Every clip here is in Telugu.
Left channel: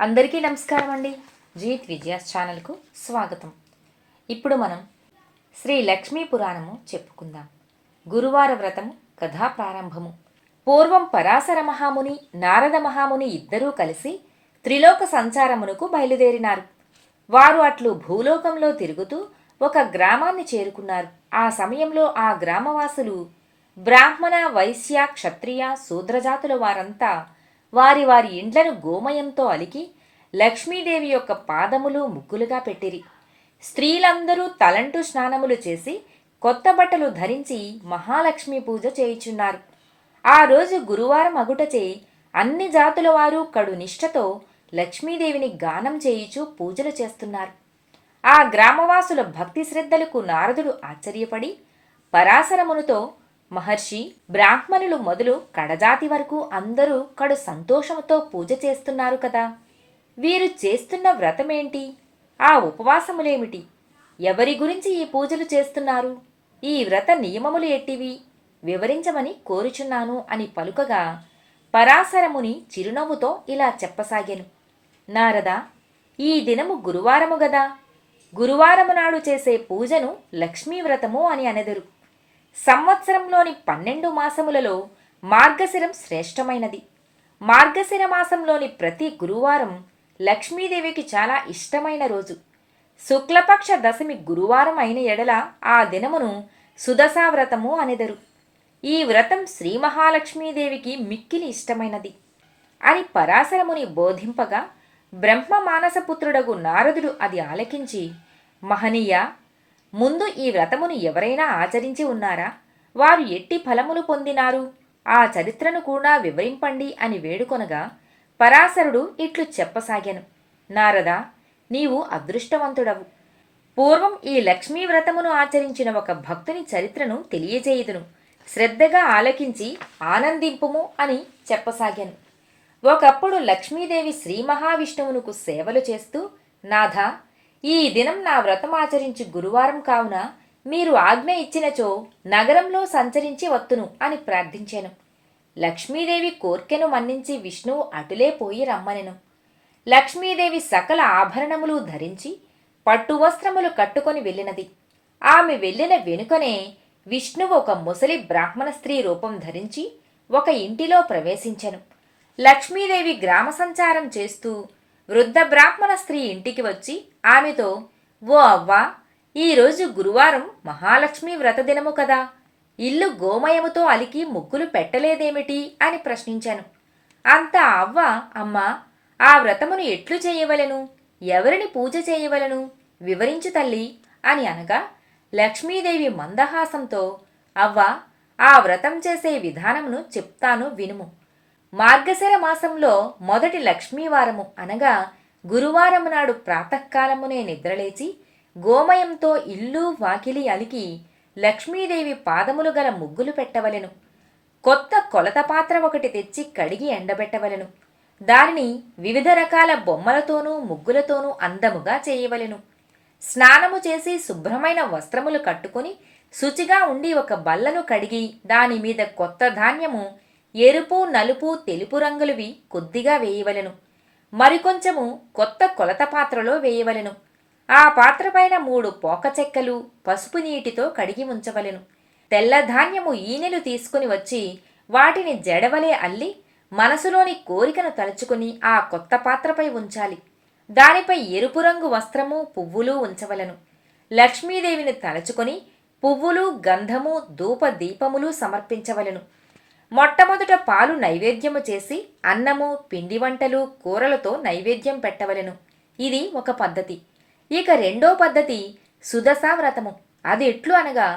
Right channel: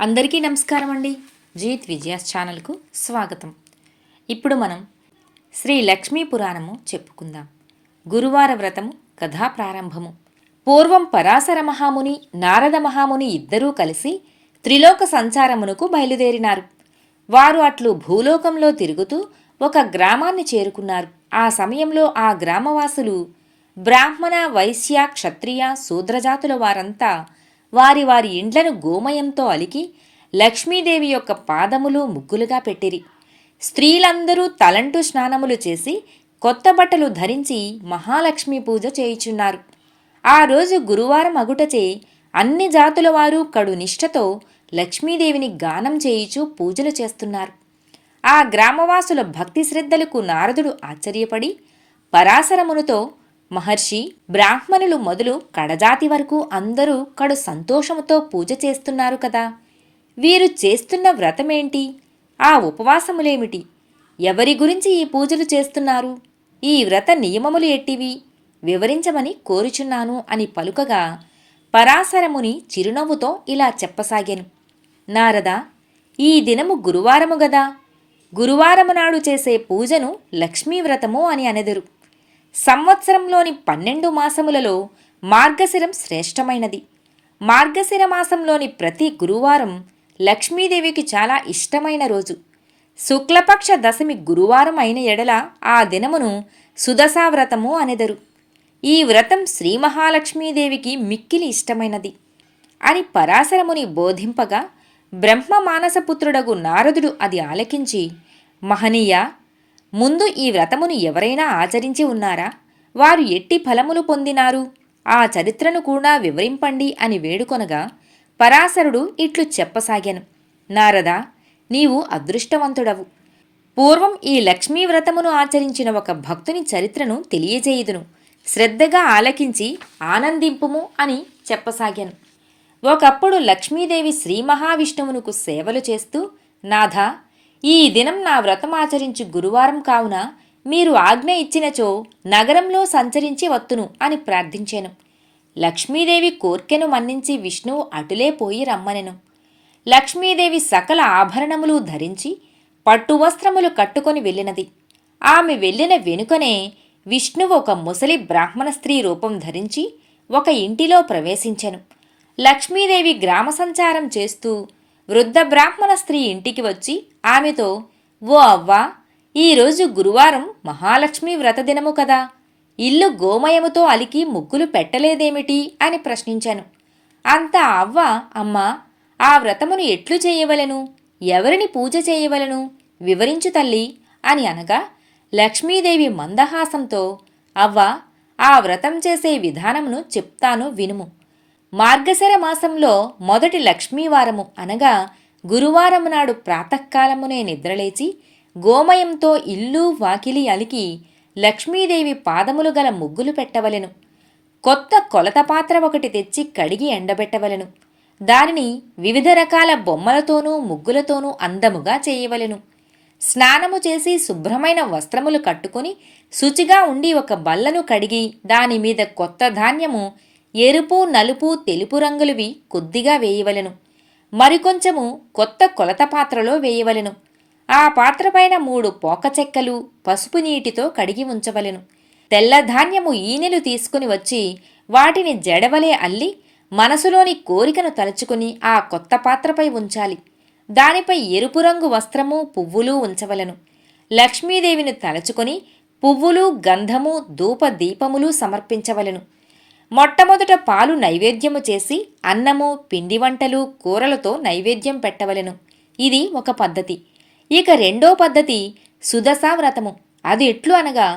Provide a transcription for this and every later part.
అందరికీ నమస్కారం అండి. జీత్ విజయాస్ ఛానల్కు స్వాగతం. ఇప్పుడు మనం శ్రీ లక్ష్మీ పురాణము చెప్పుకుందాం. గురువార వ్రతము కథా ప్రారంభము. పూర్వం పరాశర మహాముని, నారద మహాముని ఇద్దరూ కలిసి త్రిలోక సంచారమునకు బయలుదేరినారు. వారు అట్లు భూలోకంలో తిరుగుతూ ఒక గ్రామాన్ని చేరుకున్నారు. ఆ సమయంలో ఆ గ్రామవాసులు బ్రాహ్మణ, వైశ్య, క్షత్రియ, శూద్రజాతుల వారంతా వారి వారి ఇండ్లను గోమయంతో అలికి లక్ష్మీదేవి యొక్క పాదములు ముగ్గులుగా పెట్టిరి. స్త్రీలందరూ తలంటు స్నానములు చేసి కొత్త బట్టలు ధరించి మహాలక్ష్మి పూజ చేయుచున్నారు. ఆ రోజు గురువారం అగుటచే అన్ని జాతుల వారు కడు నిష్ఠతో లక్ష్మీదేవిని గానం చేయుచు పూజలు చేస్తున్నారు. ఆ గ్రామవాసుల భక్తి శ్రద్ధలకు నారదుడు ఆశ్చర్యపడి పరాశరమునితో, మహర్షి, బ్రాహ్మణులు మొదలు కడజాతి వరకు అందరూ కడు సంతోషముతో పూజ చేస్తున్నారు కదా, వీరు చేస్తున్న వ్రతమేంటి? ఆ ఉపవాసములేమిటి? ఎవరి గురించి ఈ పూజలు చేస్తున్నారు? ఈ వ్రత నియమములు ఎట్టివి? వివరించమని కోరుచున్నాను అని పలుకగా పరాశరముని చిరునవ్వుతో ఇలా చెప్పసాగాను. నారదా, ఈ దినము గురువారము గదా. గురువారము నాడు చేసే పూజను లక్ష్మీవ్రతము అని అనెదరు. సంవత్సరంలోని 12 మాసములలో మార్గశిరం శ్రేష్టమైనది. మార్గశిర మాసంలోని ప్రతి గురువారం లక్ష్మీదేవికి చాలా ఇష్టమైన రోజు. శుక్లపక్ష దశమి గురువారం అయిన ఎడల ఆ దినమును సుదశావ్రతము అనెదరు. ఈ వ్రతం శ్రీ మహాలక్ష్మీదేవికి మిక్కిలి ఇష్టమైనది అని పరాశరముని బోధింపగా బ్రహ్మ మానసపుత్రుడగు నారదుడు అది ఆలకించి, మహనీయ, ముందు ఈ వ్రతమును ఎవరైనా ఆచరించి ఉన్నారా? వారు ఎట్టి ఫలములు పొందినారు? ఆ చరిత్రను కూడా వివరింపండి అని వేడుకొనగా పరాశరుడు ఇట్లు చెప్పసాగాను. నారదా, నీవు అదృష్టవంతుడవు. పూర్వం ఈ లక్ష్మీ వ్రతమును ఆచరించిన ఒక భక్తుని చరిత్రను తెలియజేయుదును. శ్రద్ధగా ఆలకించి ఆనందింపుము అని చెప్పసాగాను. ఒకప్పుడు లక్ష్మీదేవి శ్రీ మహావిష్ణువునకు సేవలు చేస్తూ, నాథా, ఈ దినం నా వ్రతమాచరించి గురువారం కావున మీరు ఆజ్ఞ ఇచ్చినచో నగరంలో సంచరించి వత్తును అని ప్రార్థించాను. లక్ష్మీదేవి కోర్కెను మన్నించి విష్ణువు అటులే పోయి రమ్మనెను. లక్ష్మీదేవి సకల ఆభరణములు ధరించి పట్టువస్త్రములు కట్టుకొని వెళ్ళినది. ఆమె వెళ్ళిన వెనుకనే విష్ణువు ఒక ముసలి బ్రాహ్మణ స్త్రీ రూపం ధరించి ఒక ఇంటిలో ప్రవేశించెను. లక్ష్మీదేవి గ్రామ సంచారం చేస్తూ వృద్ధ బ్రాహ్మణ స్త్రీ ఇంటికి వచ్చి ఆమెతో, ఓ అవ్వా, ఈరోజు గురువారం మహాలక్ష్మి వ్రతదినము కదా, ఇల్లు గోమయముతో అలికి ముగ్గులు పెట్టలేదేమిటి అని ప్రశ్నించాను. అంతా అవ్వ, అమ్మా, ఆ వ్రతమును ఎట్లు చేయవలెను? ఎవరిని పూజ చేయవలెను? వివరించు తల్లి అని అనగా లక్ష్మీదేవి మందహాసంతో, అవ్వ, ఆ వ్రతం చేసే విధానమును చెప్తాను వినుము. మార్గశిర మాసంలో మొదటి లక్ష్మీవారము అనగా గురువారము నాడు ప్రాతకాలమునే నిద్రలేచి గోమయంతో ఇల్లు వాకిలి అలికి లక్ష్మీదేవి పాదములు గల ముగ్గులు పెట్టవలెను. కొత్త కొలత పాత్ర ఒకటి తెచ్చి కడిగి ఎండబెట్టవలెను. దానిని వివిధ రకాల బొమ్మలతోనూ ముగ్గులతోనూ అందముగా చేయవలెను. స్నానము చేసి శుభ్రమైన వస్త్రములు కట్టుకుని శుచిగా ఉండి ఒక బల్లను కడిగి దానిమీద కొత్త ధాన్యము ఎరుపు, నలుపు, తెలుపు రంగులవి కొద్దిగా వేయవలెను. మరికొంచెము కొత్త కొలత పాత్రలో వేయవలెను. ఆ పాత్రపైన 3 పోకచెక్కలు పసుపు నీటితో కడిగి ఉంచవలెను. తెల్లధాన్యము ఈనెలు తీసుకుని వచ్చి వాటిని జడవలే అల్లి మనసులోని కోరికను తలుచుకుని ఆ కొత్త పాత్రపై ఉంచాలి. దానిపై ఎరుపు రంగు వస్త్రము, పువ్వులు ఉంచవలెను. లక్ష్మీదేవిని తలచుకొని పువ్వులు, గంధము, ధూప దీపములు సమర్పించవలెను. మొట్టమొదట పాలు నైవేద్యము చేసి అన్నము, పిండి వంటలు, కూరలతో నైవేద్యం పెట్టవలెను. ఇది ఒక పద్ధతి. ఇక రెండో పద్ధతి సుదశా వ్రతము. అది ఎట్లు అనగా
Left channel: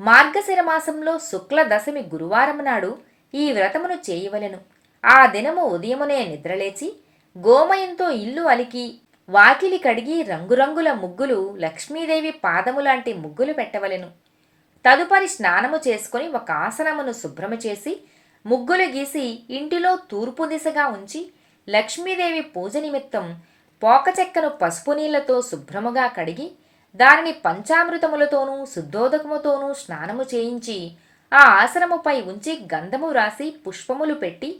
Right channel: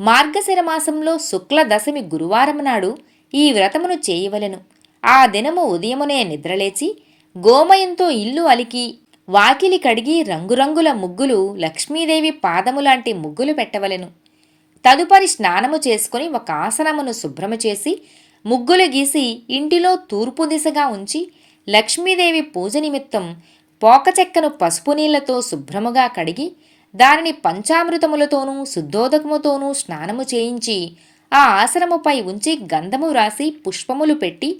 మార్గశిర మాసంలో శుక్ల దశమి గురువారం నాడు ఈ వ్రతమును చేయవలెను. ఆ దినము ఉదయమునే నిద్రలేచి గోమయంతో ఇల్లు అలికి వాకిలి కడిగి రంగురంగుల ముగ్గులు, లక్ష్మీదేవి పాదములాంటి ముగ్గులు పెట్టవలెను. తదుపరి స్నానము చేసుకుని ఒక ఆసనమును శుభ్రము చేసి ముగ్గులు గీసి ఇంటిలో తూర్పు దిశగా ఉంచి లక్ష్మీదేవి పూజ నిమిత్తం పోకచెక్కను పసుపు నీళ్లతో శుభ్రముగా కడిగి దానిని పంచామృతములతోనూ శుద్ధోదకముతోనూ స్నానము చేయించి ఆ ఆసనముపై ఉంచి గంధము రాసి పుష్పములు పెట్టి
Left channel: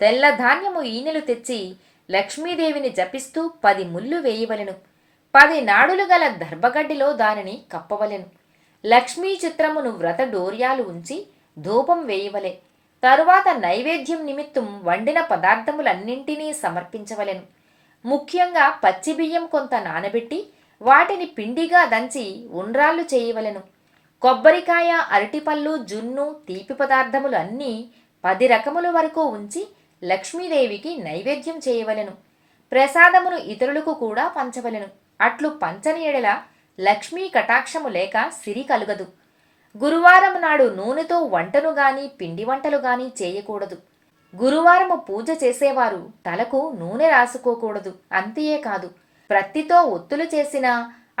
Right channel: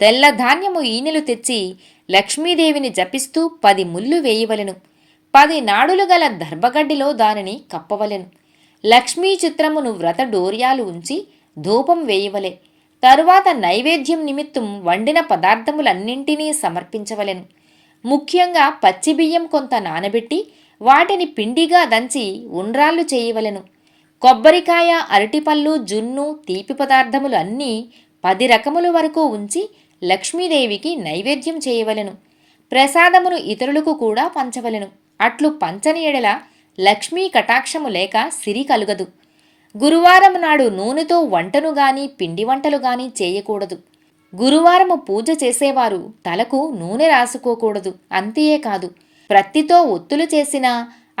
తెల్లధాన్యము ఈనెలు తెచ్చి లక్ష్మీదేవిని జపిస్తూ 10 ముళ్ళు వేయవలెను. 10 నాడులు గల దర్భగడ్డిలో దానిని కప్పవలెను. లక్ష్మీ చిత్రమును వ్రత డోర్యాలు ఉంచి ధూపం వేయవలె. తరువాత నైవేద్యం నిమిత్తం వండిన పదార్థములన్నింటినీ సమర్పించవలెను. ముఖ్యంగా పచ్చిబియ్యం కొంత నానబెట్టి వాటిని పిండిగా దంచి ఉండ్రాళ్ళు చేయవలెను. కొబ్బరికాయ, అరటిపళ్ళు, జున్ను, తీపి పదార్థములు అన్నీ 10 రకముల వరకు ఉంచి లక్ష్మీదేవికి నైవేద్యం చేయవలెను. ప్రసాదమును ఇతరులకు కూడా పంచవలెను. అట్లు పంచని ఎడల లక్ష్మీ కటాక్షము లేక సిరి కలుగదు. గురువారం నాడు నూనెతో వంటను గాని పిండి వంటలు గాని చేయకూడదు. గురువారము పూజ చేసేవారు తలకు నూనె రాసుకోకూడదు. అంతేకాదు, ప్రత్తితో ఒత్తులు చేసిన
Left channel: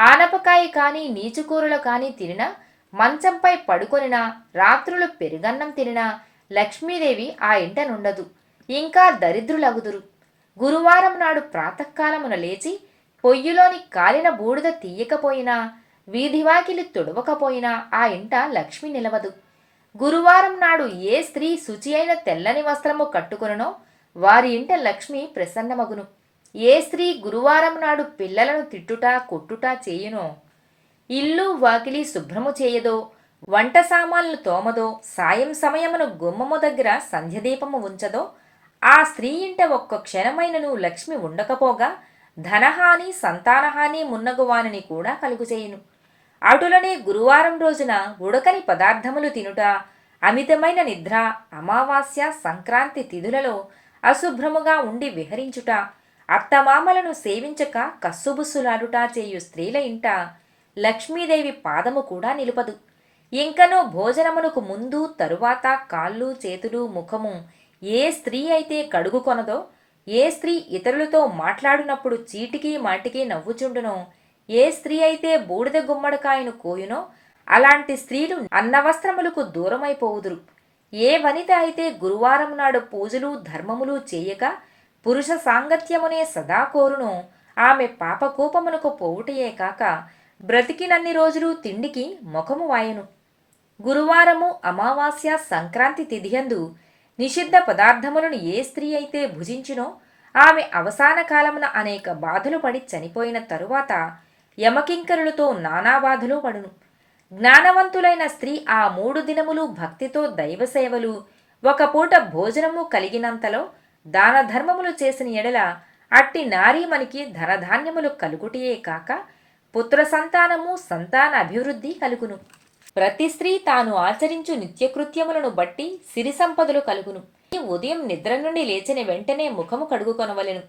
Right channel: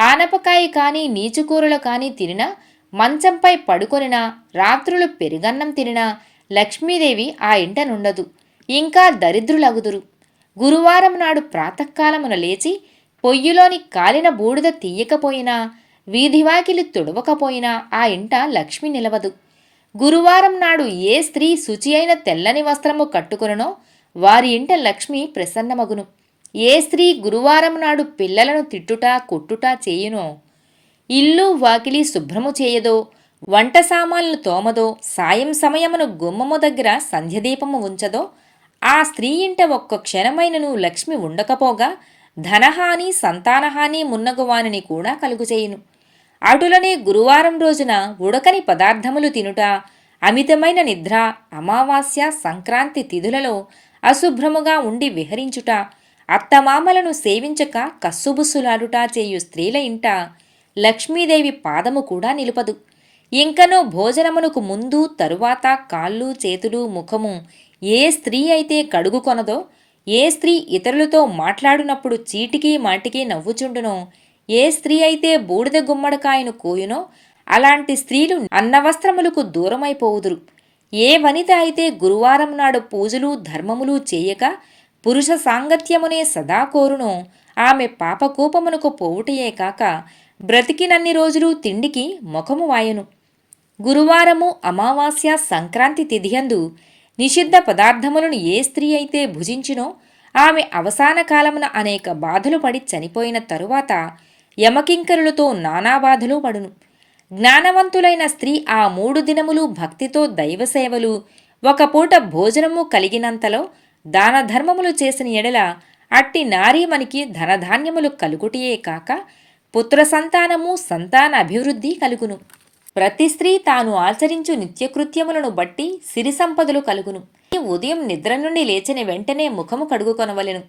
ఆనపకాయ కానీ నీచుకూరలు కానీ తినినా, మంచంపై పడుకొనినా, రాత్రులు పెరుగన్నం తినినా లక్ష్మీదేవి ఆ ఇంట నుండదు. ఇంకా దరిద్రులగుదురు. గురువారం నాడు ప్రాతకాలమున లేచి పొయ్యిలోని కాలిన బూడిద తీయకపోయినా, వీధివాకిలి తుడవకపోయినా ఆ ఇంట లక్ష్మి నిలవదు. గురువారం నాడు ఏ స్త్రీ శుచి అయిన తెల్లని వస్త్రము కట్టుకొనునో వారి ఇంట లక్ష్మి ప్రసన్నమగును. ఏ స్త్రీ గురువారం నాడు పిల్లలను తిట్టుట కొట్టుట చేయునో, ఇల్లు వాకిలి శుభ్రము చేయదో, వంట సామాన్లు తోమదో, సాయం సమయమును గుమ్మము దగ్గర సంధ్యదీపము ఉంచదో, ఆ స్త్రీ ఇంట ఒక్క క్షణమైనను లక్ష్మి ఉండకపోగా ధనహాని సంతానహాని మున్నగువానిని కూడా కలుగుచేయును. అటులనే గురువారం రోజున ఉడకని పదార్థములు తినుట, అమితమైన నిద్ర, అమావాస్య సంక్రాంతి తిథులలో అశుభ్రముగా ఉండి విహరించుట, అత్తమామలను సేవించక కస్సుబుస్సులాడుట చేయు స్త్రీల ఇంట లక్ష్మీదేవి పాదము కూడా నిలుపదు. ఇంకనూ భోజనమునకు ముందు తరువాత కాళ్ళు చేతులు ముఖము ఏ స్త్రీ అయితే కడుగుకొనదో, ఏ స్త్రీ ఇతరులతో మాట్లాడినప్పుడు చీటికి మాటికి నవ్వుచుండునో, ఏ స్త్రీ అయితే బూడిద గుమ్మడికాయను కోయునో అలాంటి స్త్రీలు అన్నవస్త్రములకు దూరమైపోవుదురు. ఏ వనిత అయితే గురువారం నాడు పూజలు ధర్మములు చేయక పురుష సాంగత్యమునే సదా కోరునో ఆమె పాపకూపమునకు పోవుటయే కాక బ్రతికినన్ని రోజులు తిండికి ముఖము వాయను. గురువారము, అమావాస్య, సంక్రాంతి తిథియందు నిషిద్ధ పదార్థములను ఏ స్త్రీ అయితే భుజించునో ఆమె అవసాన కాలమున అనేక బాధలు పడి చనిపోయిన తరువాత యమకింకరులతో నానా బాధలు పడును. జ్ఞానవంతులైన స్త్రీ ఆ 3 దినములు భక్తితో దైవసేవలు, ఒక పూట భోజనము కలిగినంతలో దాన ధర్మములు చేసిన ఎడల అట్టి నారీమణికి ధనధాన్యములు కలుగుటియే కాక పుత్ర సంతానము, సంతాన అభివృద్ధి కలుగును. ప్రతి స్త్రీ తాను ఆచరించు నిత్యకృత్యములను బట్టి సిరి సంపదలు కలుగును. ఉదయం నిద్ర నుండి లేచిన వెంటనే ముఖము కడుగుకొనవలెను.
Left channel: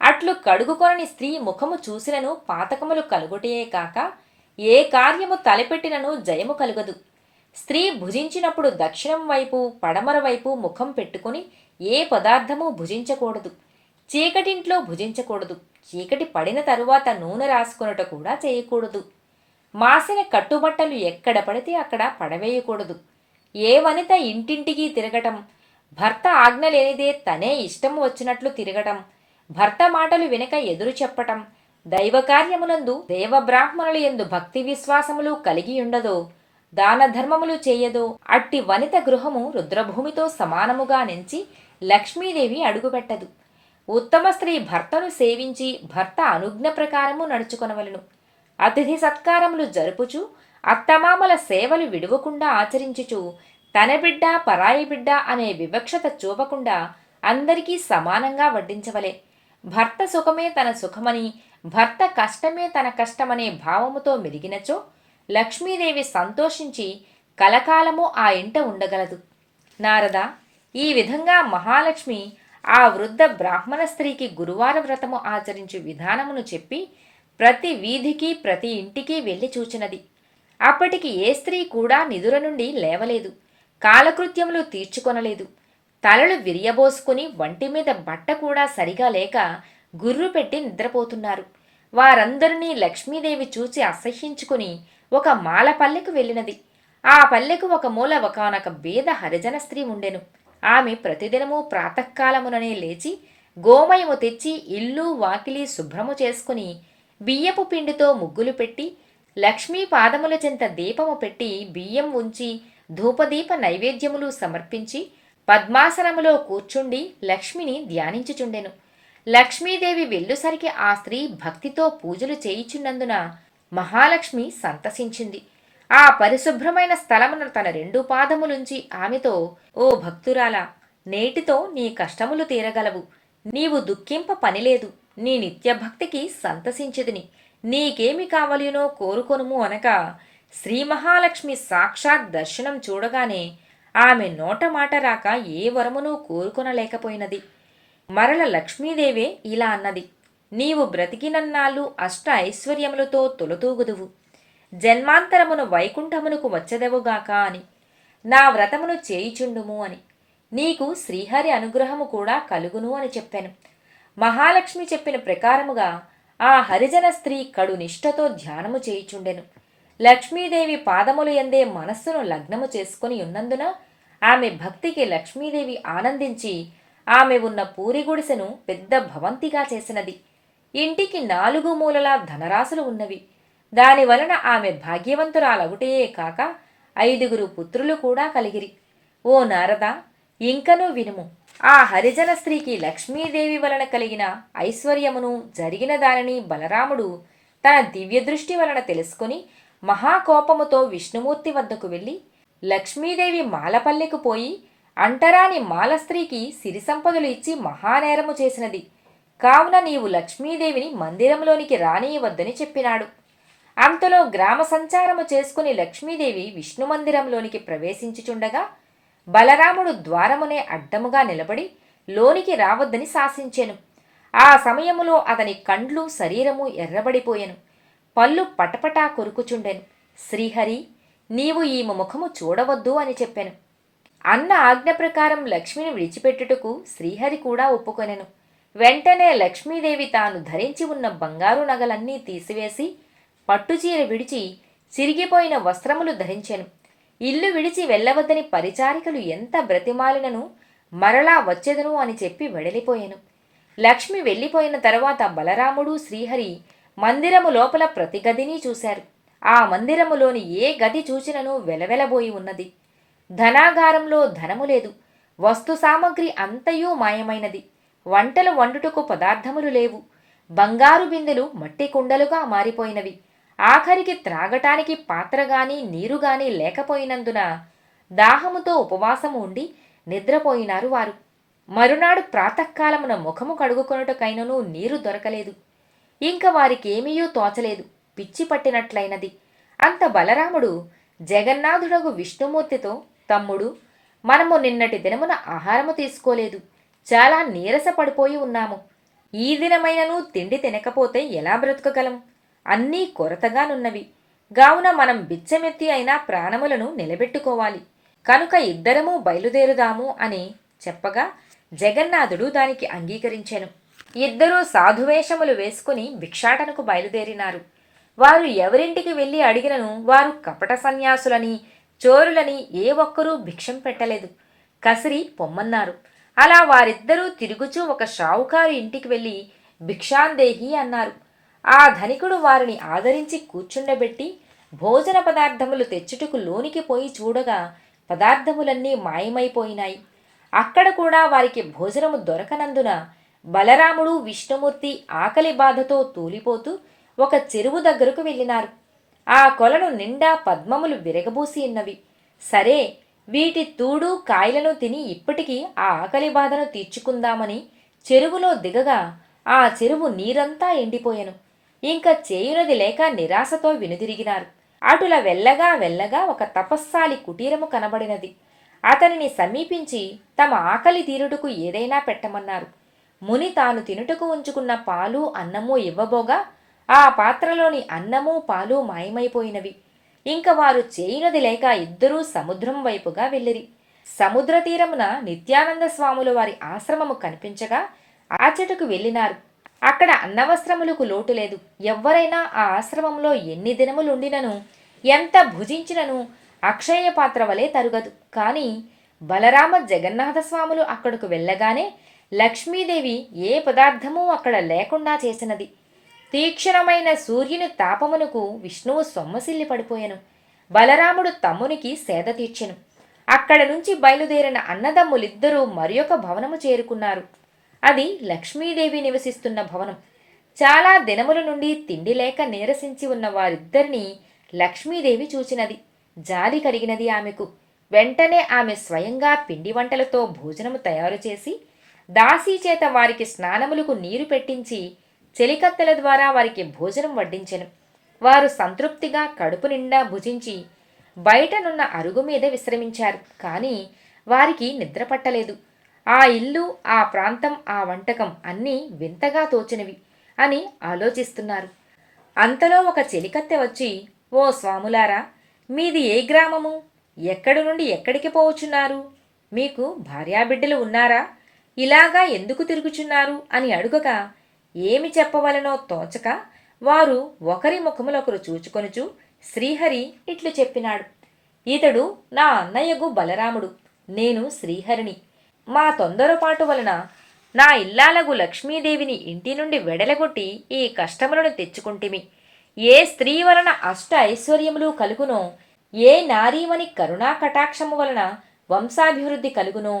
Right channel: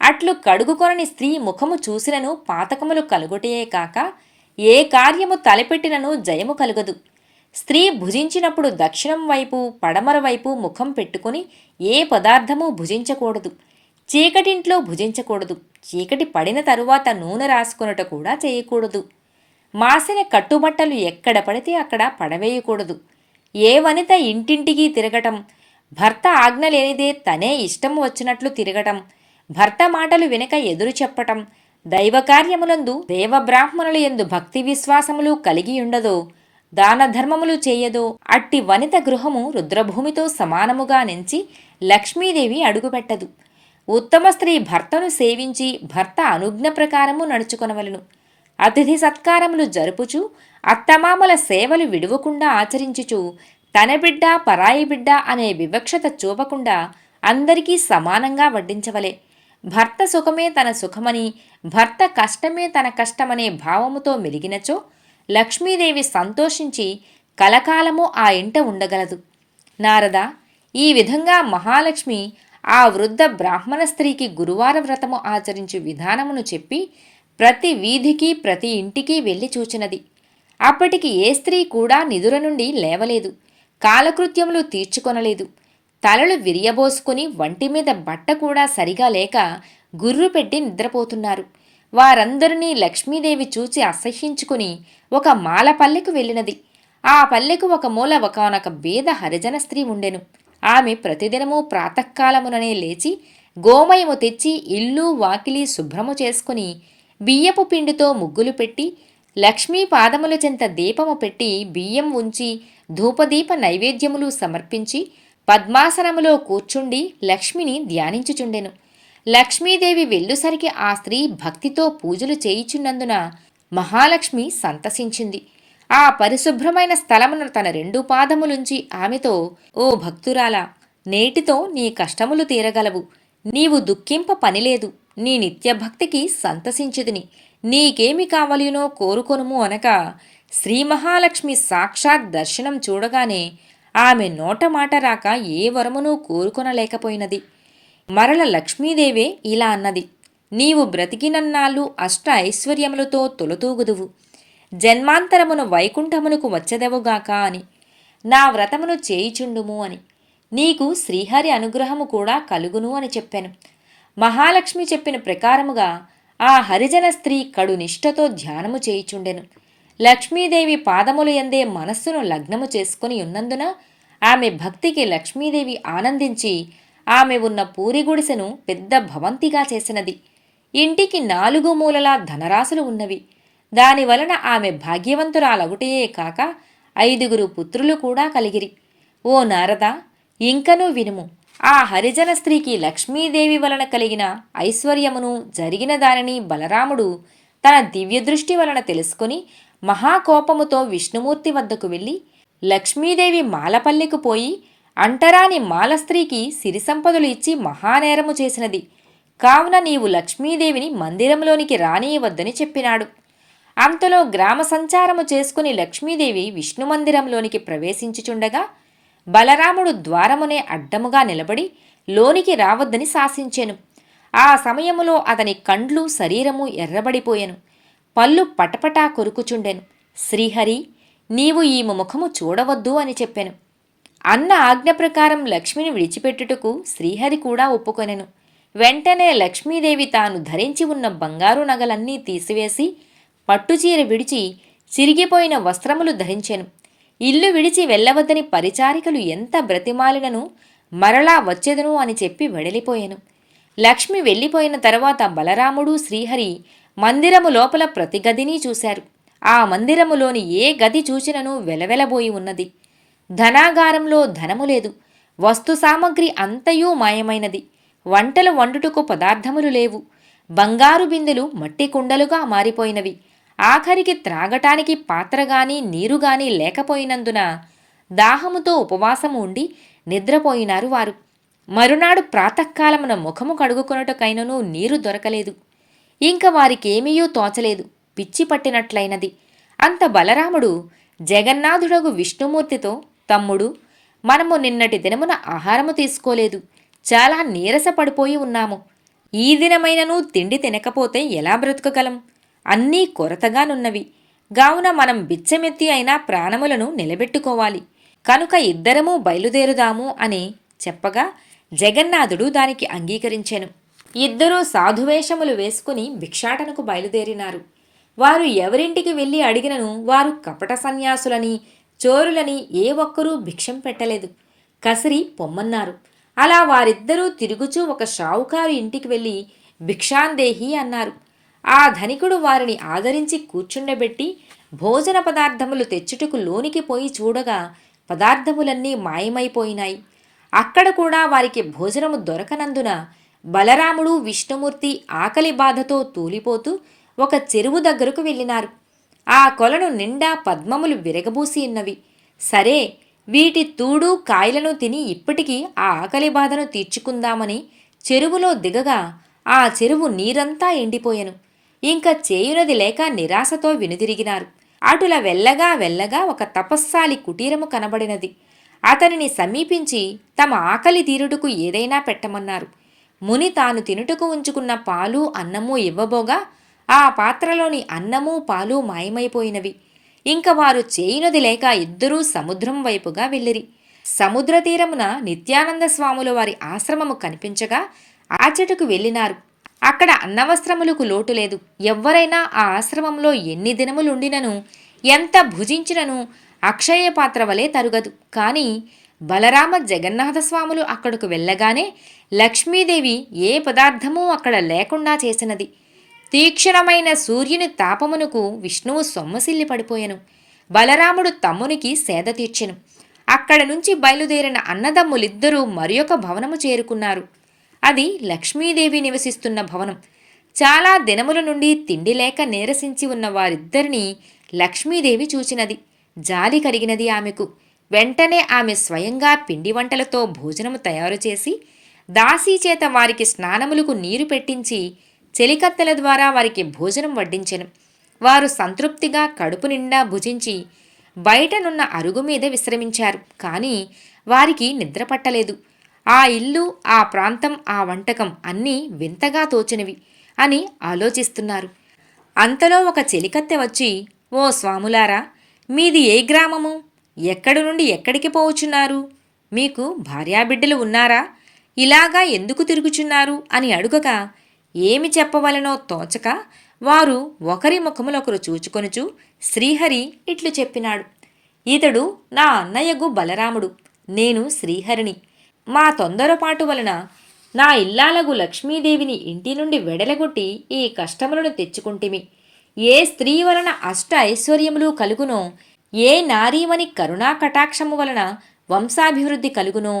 అట్లు కడుగుకొనని స్త్రీ ముఖము చూసినను పాతకములు కలుగుటయే కాక ఏ కార్యము తలపెట్టినను జయము కలుగదు. స్త్రీ భుజించినప్పుడు దక్షిణం వైపు పడమర వైపు ముఖం పెట్టుకుని ఏ పదార్థము భుజించకూడదు. చీకటింట్లో భుజించకూడదు. చీకటి పడిన తరువాత నూనె రాసుకొనుట కూడా చేయకూడదు. మాసిన కట్టుబట్టలు ఎక్కడ పడితే అక్కడ పడవేయకూడదు. ఏ వనిత ఇంటింటికి తిరగటం, భర్త ఆజ్ఞ లేనిదే తనే ఇష్టం వచ్చినట్లు తిరగటం, భర్త మాటలు వెనుక ఎదురు చెప్పటం, దైవకార్యములందు దేవబ్రాహ్మణుల యందు భక్తి విశ్వాసములు కలిగి ఉండదో, దాన ధర్మములు చేయదో అట్టి వనిత గృహము రుద్రభూమితో సమానముగా నెంచి లక్ష్మీదేవి అడుగుపెట్టదు. ఉత్తమ స్త్రీ భర్తను సేవించి భర్త అనుజ్ఞ ప్రకారము నడుచుకొనవలెను. అతిథి సత్కారములు జరుపుచు అత్తమామల సేవలు విడువకుండా ఆచరించుచు తన బిడ్డ పరాయి బిడ్డ అనే వివక్షత చూపకుండా అందరికీ సమానంగా వడ్డించవలే. భర్త సుఖమే తన సుఖమని, భర్త కష్టమే తన కష్టమనే భావముతో మెలిగినచో లక్ష్మీదేవి సంతోషించి కలకాలము ఆ ఇంట ఉండగలదు. నారద, ఈ విధంగా మహాలక్ష్మి ఆ వృద్ధ బ్రాహ్మణ స్త్రీకి గురువార వ్రతము ఆచరించు విధానమును చెప్పి ప్రతి వీధికి ప్రతి ఇంటికి వెళ్ళి చూచినది. అప్పటికి ఏ స్త్రీ కూడా నిదుర నుండి లేవలేదు. కాలకృత్యములు తీర్చుకొనలేదు. తలలు విరియబోసుకుని వంటి మీద బట్ట కూడా సరిగా లేక గుర్రు పెట్టి నిద్రపోతున్నారు. వారందరినీ లక్ష్మీదేవి చూచి అసహ్యించుకుని ఒక మాల పల్లెకు వెళ్ళినది. ఆ పల్లెకు ఒక మూల ఒకనొక బీద హరిజన స్త్రీ ఉండెను. ఆమె ప్రతిదినము ప్రాతకాలముననే లేచి గోమయము తెచ్చి ఇల్లు వాకిలి శుభ్రము చేసుకుని బియ్యపు పిండితో ముగ్గులు పెట్టి లక్ష్మీ పాదముల చెంత దీపము పెట్టి బియ్యం ఉంచి ధూపదీప నైవేద్యములు సమర్పించి పద్మాసనములో కూర్చుండి లక్ష్మిని ధ్యానించుచుండెను. లక్ష్మీదేవి వెళ్ళుసరికి ఆ స్త్రీ భక్తితో పూజలు చేయిచున్నందున మహాలక్ష్మి సంతసించింది. ఆ పరిశుభ్రమైన స్థలమును తన 2 పాదములుంచి ఆమెతో, ఓ భక్తురాలా, నేటితో నీ కష్టములు తీరగలవు. నీవు దుఃఖింప పనిలేదు. నీ నిత్యభక్తికి సంతసించితిని. నీకేమి కావలినో కోరుకొనుము అనగా, శ్రీ మహాలక్ష్మి సాక్షాత్ దర్శనం చూడగానే ఆమె నోట మాట రాక ఏ వరమునూ కోరుకొనలేకపోయినది. మరల లక్ష్మీదేవే ఇలా అన్నది, నీవు బ్రతికినన్నాళ్ళు అష్ట ఐశ్వర్యములతో తొలతూగుదువు. జన్మాంతరమును వైకుంఠమునకు వచ్చదెవుగాక అని. నా వ్రతమును చేయిచుండుము అని. నీకు శ్రీహరి అనుగ్రహము కూడా కలుగును అని చెప్పాను. మహాలక్ష్మి చెప్పిన ప్రకారముగా ఆ హరిజన స్త్రీ కడు నిష్ఠతో ధ్యానము చేయిచుండెను. లక్ష్మీదేవి పాదములు ఎందే మనస్సును లగ్నము చేసుకుని ఉన్నందున ఆమె భక్తికి లక్ష్మీదేవి ఆనందించి ఆమె ఉన్న పూరి గుడిసెను పెద్ద భవంతిగా చేసినది. ఇంటికి 4 మూలలా ధనరాశులు ఉన్నవి. దానివలన ఆమె భాగ్యవంతురాలవుటయే కాక 5 పుత్రులు కూడా కలిగిరి. ఓ నారద, ఇంకనూ వినుము. ఆ హరిజన స్త్రీకి లక్ష్మీదేవి వలన కలిగిన ఐశ్వర్యమును జరిగిన దానిని బలరాముడు తన దివ్యదృష్టి వలన తెలుసుకుని మహాకోపముతో విష్ణుమూర్తి వద్దకు వెళ్ళి, లక్ష్మీదేవి మాలపల్లెకు పోయి అంటరాని మాలస్త్రీకి సిరి సంపదలు ఇచ్చి మహానేరము చేసినది. కావున నీవు లక్ష్మీదేవిని మందిరంలోనికి రానియవద్దని చెప్పినాడు. అంతలో గ్రామ సంచారము చేసుకుని లక్ష్మీదేవి విష్ణుమందిరంలోనికి ప్రవేశించుచుండగా బలరాముడు ద్వారమునే అడ్డముగా నిలబడి లోనికి రావద్దని శాసించెను. ఆ సమయములో అతని కండ్లు శరీరము ఎర్రబడిపోయెను. పళ్ళు పటపటా కొరుకుచుండెను. శ్రీహరి, నీవు ఈ ముఖము చూడవద్దు అని చెప్పెను. అన్న ఆజ్ఞ ప్రకారం లక్ష్మిని విడిచిపెట్టుటకు శ్రీహరి కూడా ఒప్పుకొనెను. వెంటనే లక్ష్మీదేవి తాను ధరించి ఉన్న బంగారు నగలన్నీ తీసివేసి పట్టుచీర విడిచి చిరిగిపోయిన వస్త్రములు ధరించెను. ఇల్లు విడిచి వెళ్ళవద్దని పరిచారికలు ఎంత బ్రతిమాలినను మరలా వచ్చెదను అని చెప్పి వెడలిపోయెను. లక్ష్మి వెళ్ళిపోయిన తర్వాత బలరాముడు శ్రీహరి మందిరము లోపల ప్రతి గదిని చూశారు. ఆ మందిరములోని ఏ గది చూచినను వెలవెలబోయి ఉన్నది. ధనాగారంలో ధనము లేదు. వస్తు సామగ్రి అంతయూ మాయమైనది. వంటలు వండుటకు పదార్థములు లేవు. బంగారు బిందెలు మట్టి కుండలుగా మారిపోయినవి. ఆఖరికి త్రాగటానికి పాత్రగాని నీరుగాని లేకపోయినందున దాహముతో ఉపవాసము ఉండి నిద్రపోయినారు వారు. మరునాడు ప్రాతకాలమున ముఖము కడుగుకొనుటకైనను నీరు దొరకలేదు. ఇంక వారికేమీయూ తోచలేదు. పిచ్చి పట్టినట్లయినది. అంత బలరాముడు జగన్నాథుడగు విష్ణుమూర్తితో, తమ్ముడు, మనము నిన్నటి దినమున ఆహారము తీసుకోలేదు. చాలా నీరస పడిపోయి ఉన్నాము. ఈ దినమైనను తిండి తినకపోతే ఎలా బ్రతుకగలం? అన్నీ కొరతగానున్నవి. గావున మనం బిచ్చమెత్తి అయినా ప్రాణములను నిలబెట్టుకోవాలి. కనుక ఇద్దరము బయలుదేరుదాము అని చెప్పగా జగన్నాథుడు దానికి అంగీకరించెను. ఇద్దరూ సాధువేషములు వేసుకుని భిక్షాటనకు బయలుదేరినారు. వారు ఎవరింటికి వెళ్ళి అడిగినను వారు కపట సన్యాసులని, చోరులని ఏ ఒక్కరూ భిక్షం పెట్టలేదు. కసిరి పొమ్మన్నారు. అలా వారిద్దరూ తిరుగుచూ ఒక షావుకారు ఇంటికి వెళ్ళి భిక్షాందేహి అన్నారు. ఆ ధనికుడు వారిని ఆదరించి కూర్చుండబెట్టి భోజన పదార్థములు తెచ్చుటకు లోనికి పోయి చూడగా పదార్థములన్నీ మాయమైపోయినాయి. అక్కడ కూడా వారికి భోజనము దొరకనందున బలరాముడు విష్ణుమూర్తి ఆకలి బాధతో తూలిపోతూ ఒక చెరువు దగ్గరకు వెళ్ళినారు. ఆ కొలను నిండా పద్మములు విరగబూసి ఉన్నవి. సరే, వీటి తూడు కాయలను తిని ఇప్పటికీ ఆ ఆకలి బాధను తీర్చుకుందామని చెరువులో దిగగా ఆ చెరువు నీరంతా ఎండిపోయెను. ఇంక చేయునది లేక నిరాశతో వెనుదిరిగినారు. అటుల వెళ్ళగా వెళ్ళగా ఒక తపస్సాలి కుటీరము కనబడినది. అతనిని సమీపించి తమ ఆకలి తీరుటకు ఏదైనా పెట్టమన్నారు. ముని తాను తినుటకు ఉంచుకున్న పాలు అన్నము ఇవ్వబోగా ఆ పాత్రలోని అన్నము పాలు మాయమైపోయినవి. ఇంక వారు చేయునది లేక ఇద్దరూ సముద్రం వైపుగా వెళ్ళిరి. సముద్ర తీరమున నిత్యానంద స్వాముల వారి ఆశ్రమము కనిపించగా ఆచటకు వెళ్ళినారు. అక్కడ అన్నవస్త్రములకు లోటు లేదు. ఎవ్వరైనా ఆ ఆశ్రమంలో ఎన్ని దినములుండినను ఎంత భుజించినను అక్షయ పాత్ర వలె తరుగదు. కాని బలరామ జగన్నాథస్వాములు అక్కడకు వెళ్ళగానే లక్ష్మీదేవి ఏ పదార్థమూ అక్కడ లేకుండా చేసినది. తీక్షణమైన సూర్యుని తాపమునకు విష్ణువు సొమ్మసిల్లి పడిపోయెను. బలరాముడు తమ్మునికి సేద తీర్చెను. అక్కడ నుంచి బయలుదేరిన అన్నదమ్ములిద్దరూ మరియొక భవనము చేరుకున్నారు. అది లక్ష్మీదేవి నివసిస్తున్న భవనం. చాలా దినముల నుండి తిండి లేక నీరసించి ఉన్న వారిద్దరినీ లక్ష్మీదేవి చూచినది. జాలి కలిగినది ఆమెకు. వెంటనే ఆమె స్వయంగా పిండి వంటలతో భోజనము తయారు చేసి దాసీ చేత వారికి స్నానములకు నీరు పెట్టించి చెలికత్తెల ద్వారా వారికి భోజనం వడ్డించెను. వారు సంతృప్తిగా కడుపు నిండా భుజించి బయటనున్న అరుగు మీద విశ్రమించారు. కానీ వారికి నిద్ర పట్టలేదు. ఆ ఇల్లు, ఆ ప్రాంతం, ఆ వంటకం అన్నీ వింతగా తోచినవి అని ఆలోచిస్తున్నారు. అంతలో ఒక చెలికత్తె వచ్చి, ఓ స్వాములారా, మీది ఏ గ్రామము? ఎక్కడి నుండి ఎక్కడికి పోవచ్చున్నారు? మీకు భార్యాబిడ్డలు ఉన్నారా? ఇలాగా ఎందుకు తిరుగుచున్నారు అని అడుగగా ఏమి చెప్పవలనో తోచక వారు ఒకరి ముఖములొకరు చూచుకొనుచు శ్రీహరి ఇట్లు చెప్పినాడు. ఇతడు నా అన్నయ్యగు బలరాముడు, నేను శ్రీహరిని. మా తొందరపాటు వలన నా ఇల్లాలగు లక్ష్మీదేవిని ఇంటి నుండి వెడలగొట్టి ఈ కష్టములను తెచ్చుకుంటిమి. ఏ స్త్రీ వలన అష్ట ఐశ్వర్యములు కలుగునో, ఏ నారీమని కరుణా కటాక్షము వలన వంశాభివృద్ధి కలుగునో,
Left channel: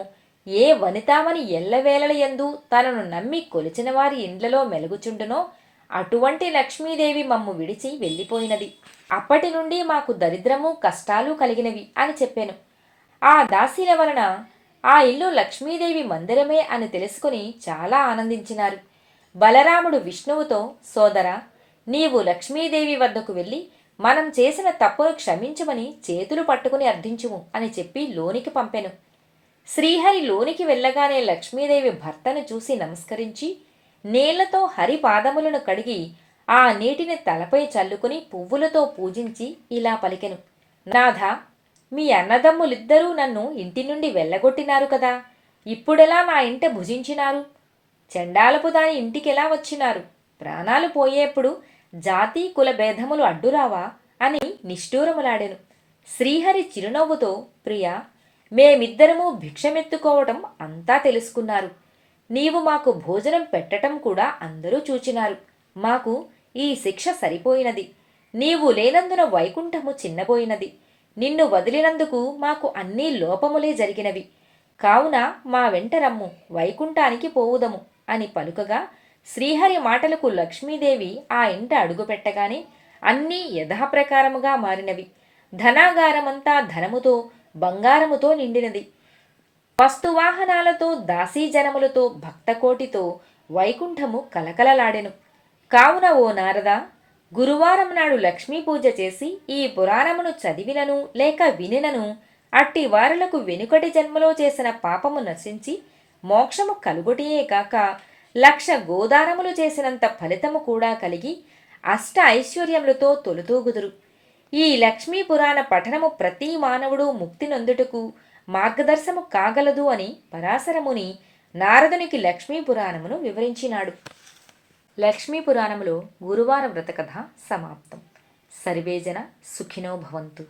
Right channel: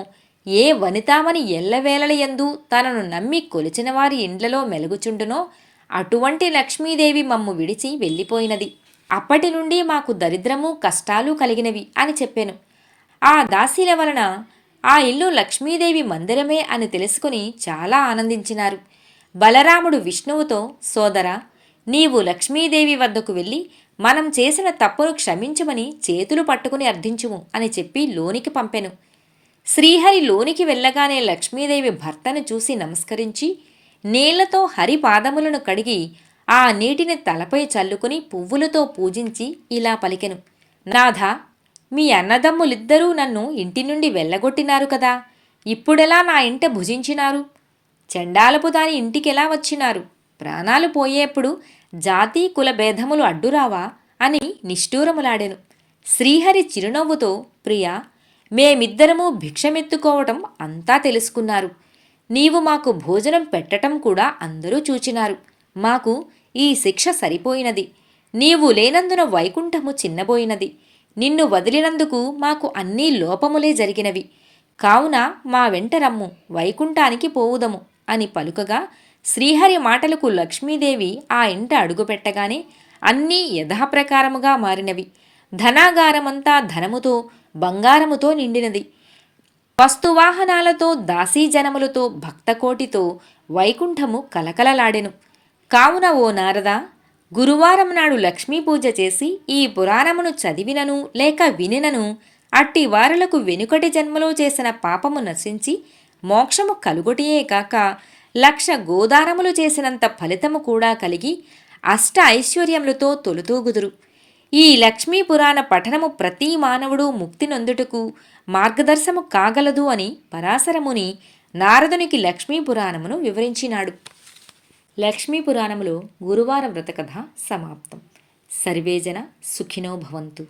ఏ వనితామని ఎల్లవేళలయందు తనను నమ్మి కొలిచిన వారి ఇండ్లలో మెలుగుచుండునో అటువంటి లక్ష్మీదేవి మమ్ము విడిచి వెళ్ళిపోయినది. అప్పటి నుండి మాకు దరిద్రము కష్టాలు కలిగినవి అని చెప్పాను. ఆ దాసీల వలన ఆ ఇల్లు లక్ష్మీదేవి మందిరమే అని తెలుసుకుని చాలా ఆనందించినారు. బలరాముడు విష్ణువుతో, సోదరా, నీవు లక్ష్మీదేవి వద్దకు వెళ్ళి మనం చేసిన తప్పును క్షమించమని చేతులు పట్టుకుని అర్థించుము అని చెప్పి లోనికి పంపెను. శ్రీహరి లోనికి వెళ్ళగానే లక్ష్మీదేవి భర్తను చూసి నమస్కరించి నీళ్లతో హరి పాదములను కడిగి ఆ నీటిని తలపై చల్లుకుని పువ్వులతో పూజించి ఇలా పలికెను. నాథా, మీ అన్నదమ్ములిద్దరూ నన్ను ఇంటి నుండి వెళ్ళగొట్టినారు కదా, ఇప్పుడెలా నా ఇంట భుజించినారు? చెండాలపు దాని ఇంటికెలా వచ్చినారు? ప్రాణాలు పోయేప్పుడు జాతి కుల భేదములు అడ్డురావా అని నిష్ఠూరములాడెను. శ్రీహరి చిరునవ్వుతో, ప్రియా, మేమిద్దరము భిక్షమెత్తుకోవటం అంతా తెలుసుకున్నారు. నీవు మాకు భోజనం పెట్టటం కూడా అందరూ చూచినారు. మాకు ఈ శిక్ష సరిపోయినది. నీవు లేనందున వైకుంఠము చిన్నబోయినది. నిన్ను వదిలినందుకు మాకు అన్నీ లోపములే జరిగినవి. కావున మా వెంట రమ్ము, వైకుంఠానికి పోవుదము అని పలుకగా శ్రీహరి మాటలకు లక్ష్మీదేవి ఆ ఇంట అడుగుపెట్టగానే అన్నీ యథాప్రకారముగా మారినవి. ధనాగారమంతా ధనముతో బంగారముతో నిండినది. వస్తువాహనాలతో దాసీజనములతో భక్తకోటితో వైకుంఠము కలకలలాడెను. కావున ఓ నారద, గురువారం నాడు లక్ష్మీ పూజ చేసి ఈ పురాణమును చదివినను లేక వినినను అట్టి వారలకు వెనుకటి జన్మలో చేసిన పాపము నశించి మోక్షము కలుగొటియే కాక 1,00,000 గోదానములు చేసినంత ఫలితము కూడా కలిగి అష్ట ఐశ్వర్యములతో తొలుతూగుదురు. ఈ లక్ష్మీ పురాణ పఠనము ప్రతి మానవుడు ముక్తి నొందుటకు మార్గదర్శము కాగలదు అని పరాశరముని నారదునికి లక్ష్మీ పురాణమును వివరించినాడు. లక్ష్మీ పురాణములో గురువార వ్రతకథ సమాప్తం. సర్వేజన సుఖినో భవంతు.